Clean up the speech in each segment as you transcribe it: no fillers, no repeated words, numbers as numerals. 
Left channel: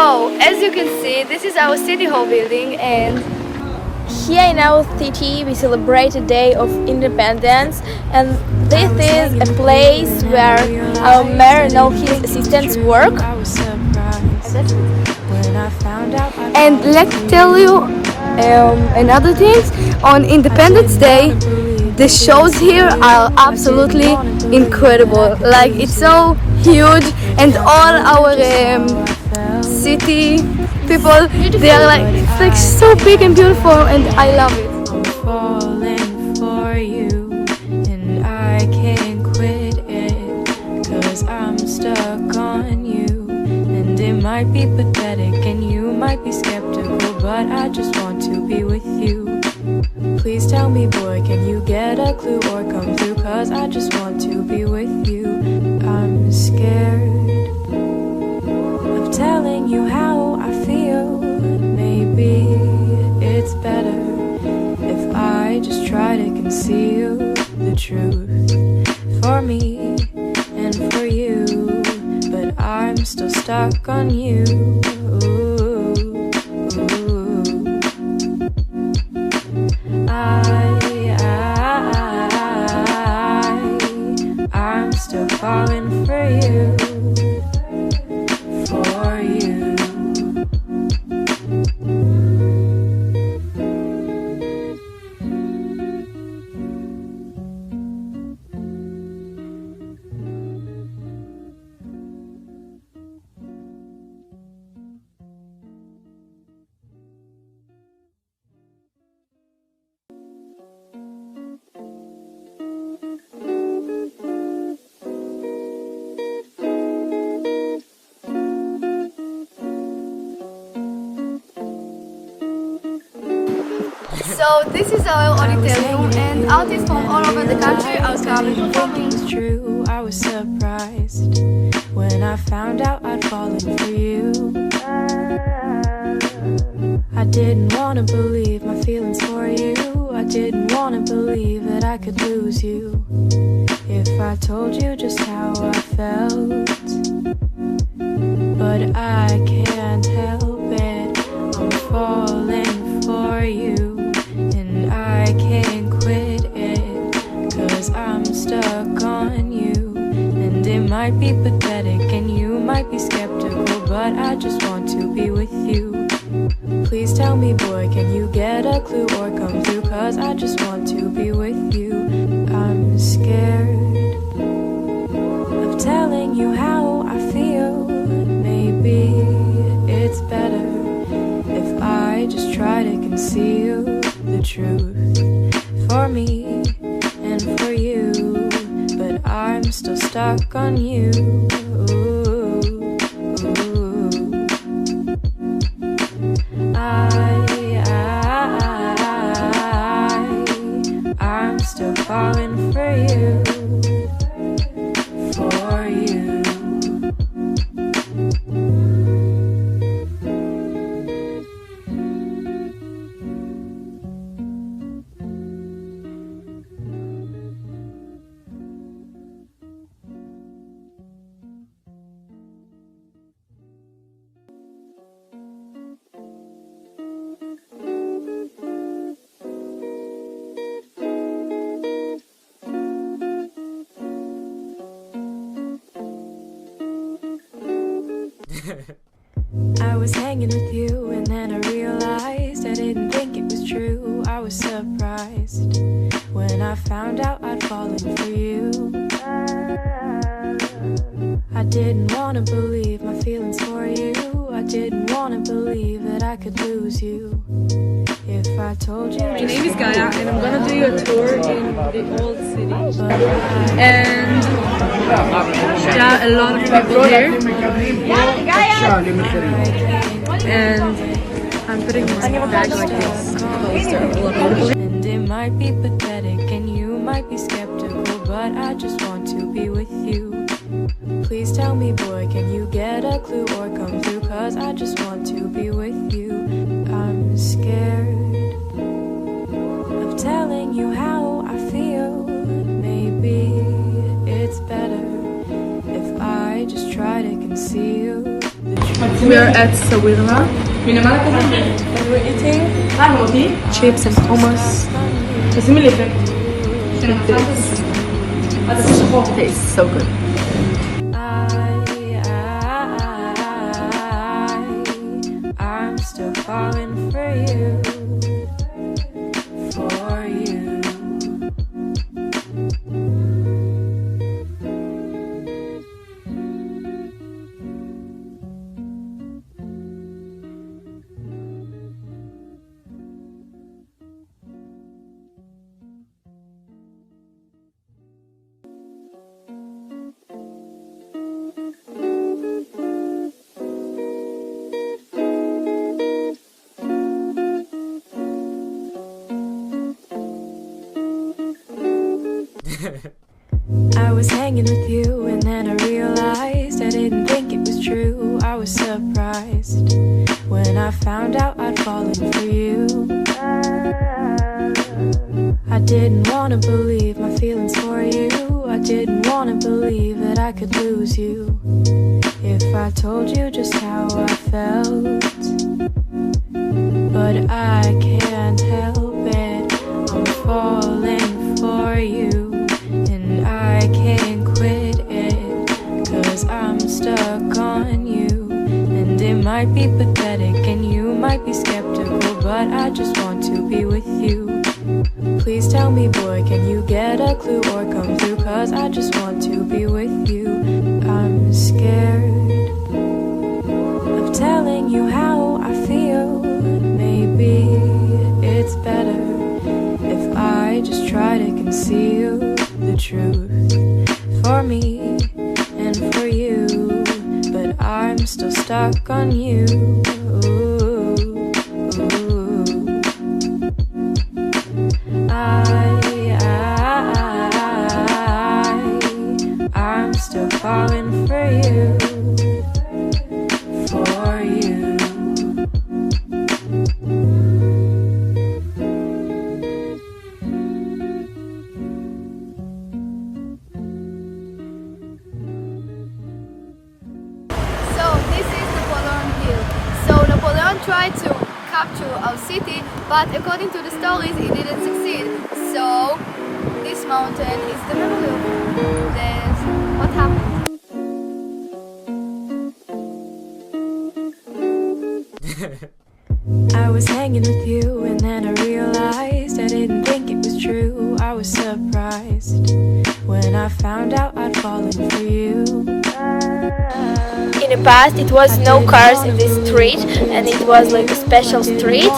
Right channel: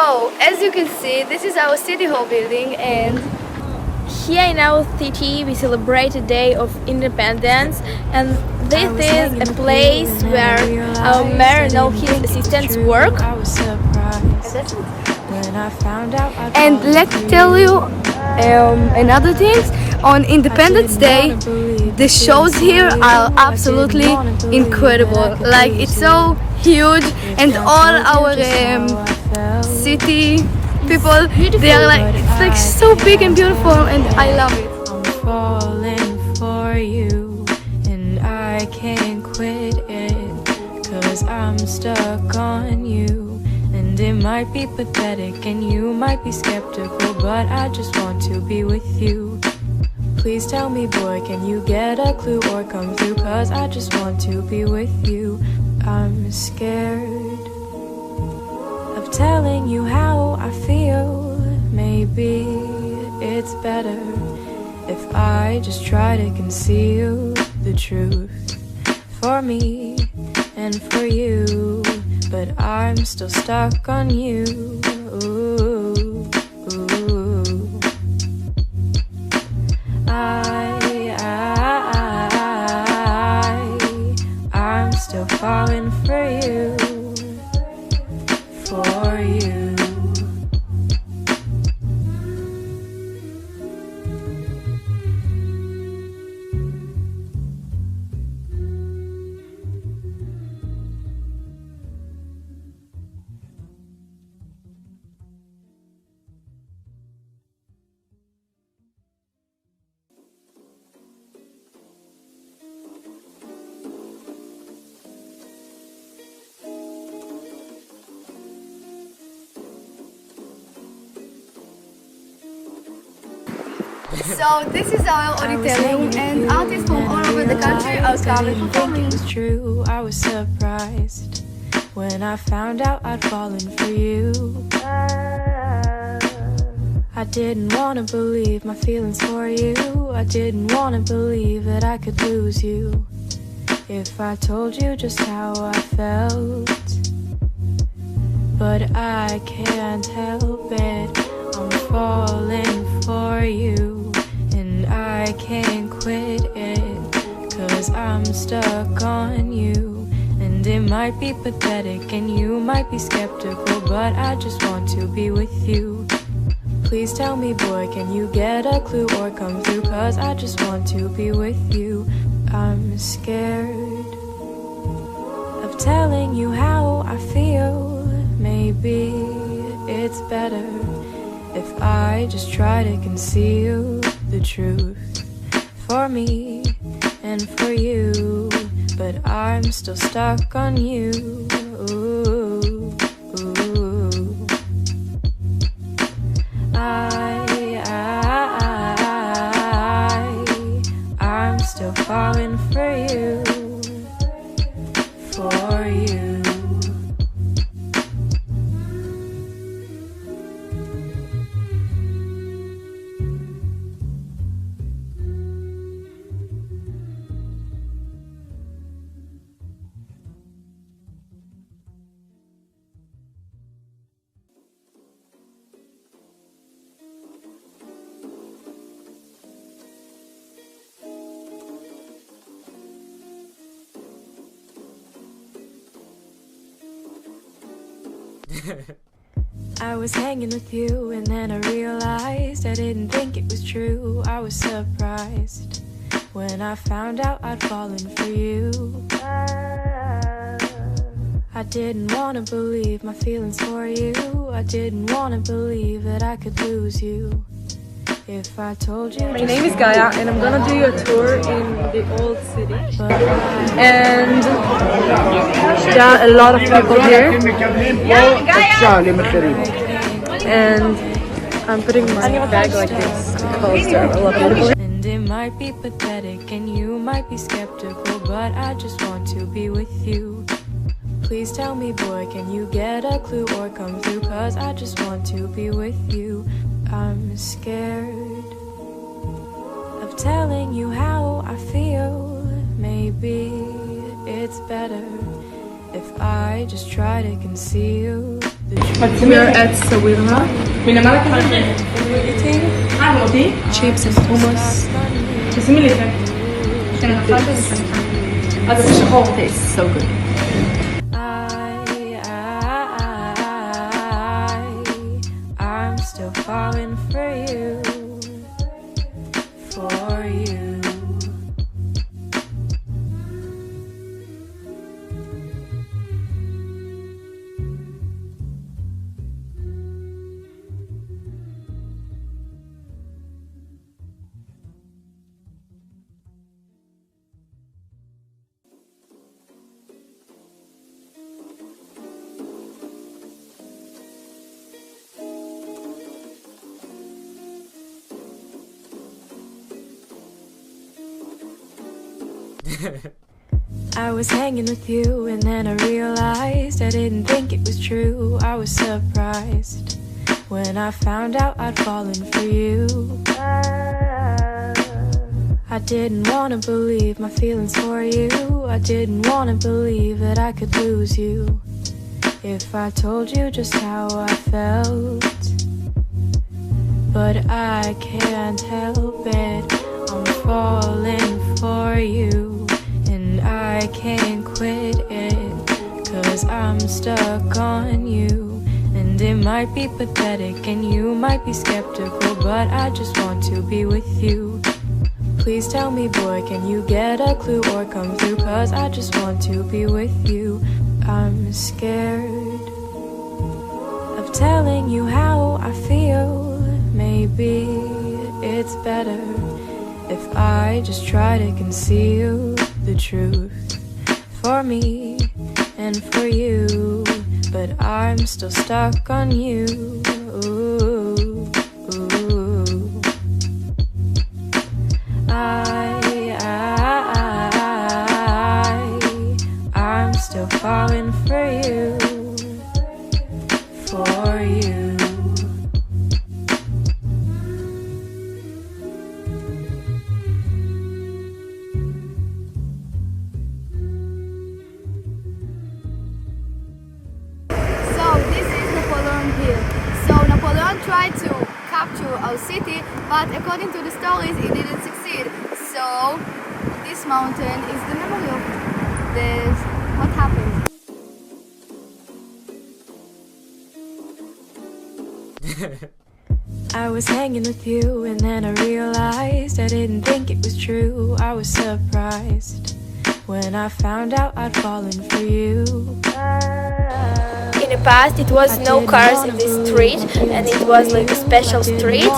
So, as you can see, this is our city hall building, and here in our city we celebrate a day of independence, and this is a place where our mayor and all his assistants work. And let's tell you another thing. On Independence Day, the shows here are absolutely incredible. Like, it's so huge, and all our city people, they are like, it's like so big and beautiful, and I love it. I'm falling for you, and I can't quit it, 'cause I'm stuck on you. And it might be pathetic and you might be skeptical, but I just want to be with you. Please tell me, boy, can you get a clue or come through, 'cause I just want to be with you. I'm scared of telling you how I feel. Maybe it's better if I just try to conceal the truth for me and for you, but I'm still stuck on you. I'm still falling for you, for you. So this is our auditorium, and artists from all over the country are coming I think it was true. I was surprised when I found out I'd fallen for you. I didn't want to believe my feelings for you. I didn't want to believe that I could lose you if I told you just how I felt. But I can't help it, I'm falling for you. I can't quit it, 'cause I'm stuck on you. And it might be pathetic and you might be skeptical, but I just want to be with you. Please tell me, boy, can you get a clue or come through, 'cause I just want to be with you. I'm scared of telling you how I feel. Maybe it's better if I just try to conceal the truth for me and for you, but I'm still stuck on you. I'm still falling for you, for you. I was hanging with you, and then I realized I didn't think it was true. I was surprised when I found out I'd fallen for you. I didn't want to believe my feelings for you. I didn't want to believe that I could lose you if I told you. My name is Gaya, and I'm gonna do a tour in the old city. And there are a lot of people here. And I'm putting my bag like this because there are a lot of people here. And it might be pathetic and you might be skeptical, but I just want to be with you. Please tell me, boy, can you get a clue or come through, 'cause I just want to be with you. I'm scared of telling you how I feel. Maybe it's better if I just try to conceal the truth We are at Sawirma. We're eating chips and hummus. Tastes so good. I'm still falling for you, for you. I was hanging with you and then I realized I didn't think it was true. I was surprised when I found out I'd fallen for you. I didn't wanna believe my feelings for you. I didn't wanna believe that I could lose you if I told you just how I felt. But I can't help it, I'm falling for you. I can't quit it, 'cause I'm stuck on you. And it might be pathetic and you might be skeptical, but I just want to be with you. Please tell me, boy, can you get a clue or come through? 'Cause I just want to be with you. I'm scared of telling you how I feel. Maybe it's better if I just try to conceal the truth for me and for you, but I'm still stuck on you. I'm still falling for you, for you. Tried to capture our city, but according to the stories he didn't succeed. So this mountain is the memory of this, what happened. I was hanging with you and then I realized I didn't think it was true. I was surprised when I found out I'd fallen for you. In the past it was no cars in this street, and it was like a special street,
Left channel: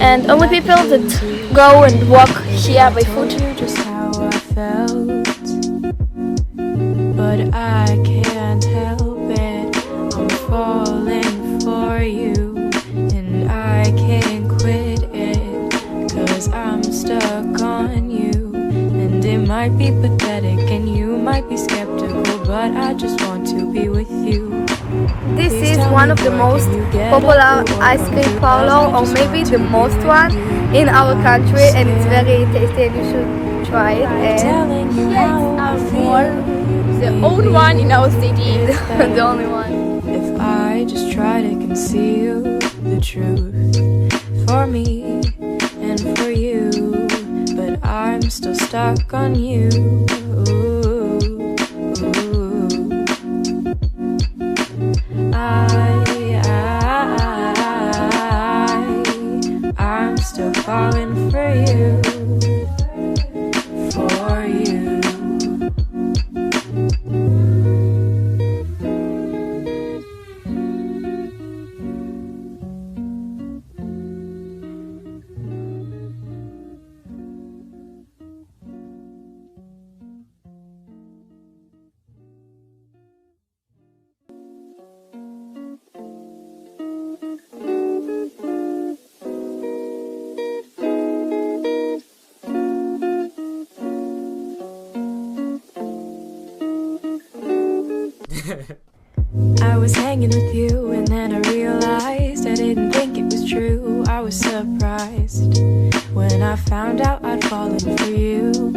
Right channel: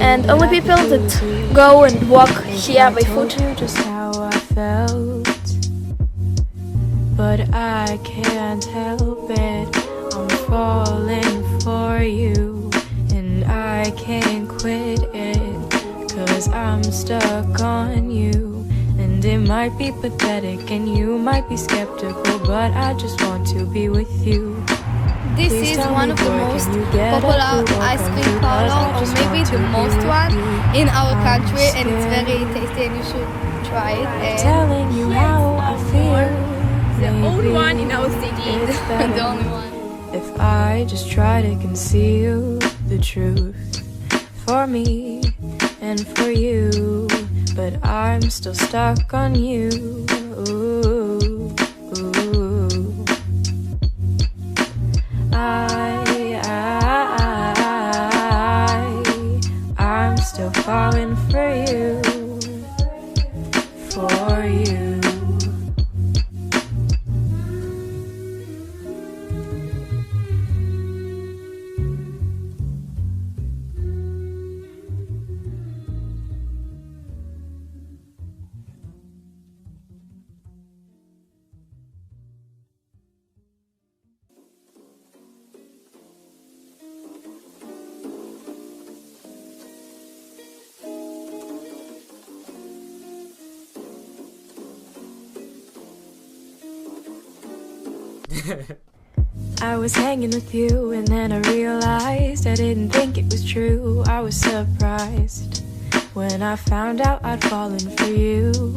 and only people that go and walk here by foot. Just how I felt, but I can't help it, I'm falling for you, and I can't quit it, 'cause I'm stuck on you. And it might be pathetic and you might be skeptical, but I just want to be with you. This Please is tell one me, of the boy, most can you get popular a clue or ice come cream through? 'Cause parlor, I or just maybe want the to be most with one you. in our I'm country, and it's scared very tasty and you should try it. And telling you how I feel. the Maybe only one in our city is it's better the only one. if I just try to conceal the truth for me and for you, but I'm still stuck on you. I'm still falling for you, for you. I was hanging with you and then I realized I didn't think it was true. I was surprised when I found out I'd fallen for you.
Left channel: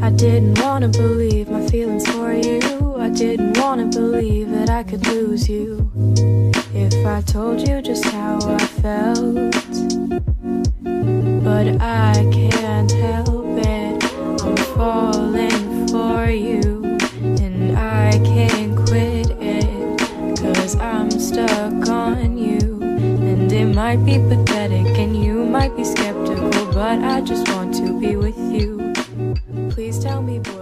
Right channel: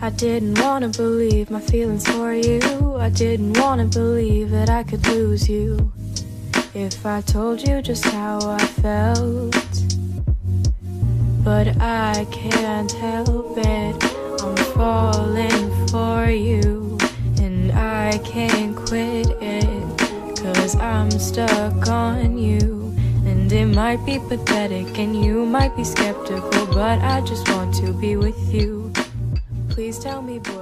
I didn't wanna believe my feelings for you. I didn't wanna believe that I could lose you if I told you just how I felt. But I can't help it, I'm falling for you, and I can't quit it, 'cause I'm stuck on you. And it might be pathetic and you might be skeptical, but I just want to be with you. Please tell me, boy.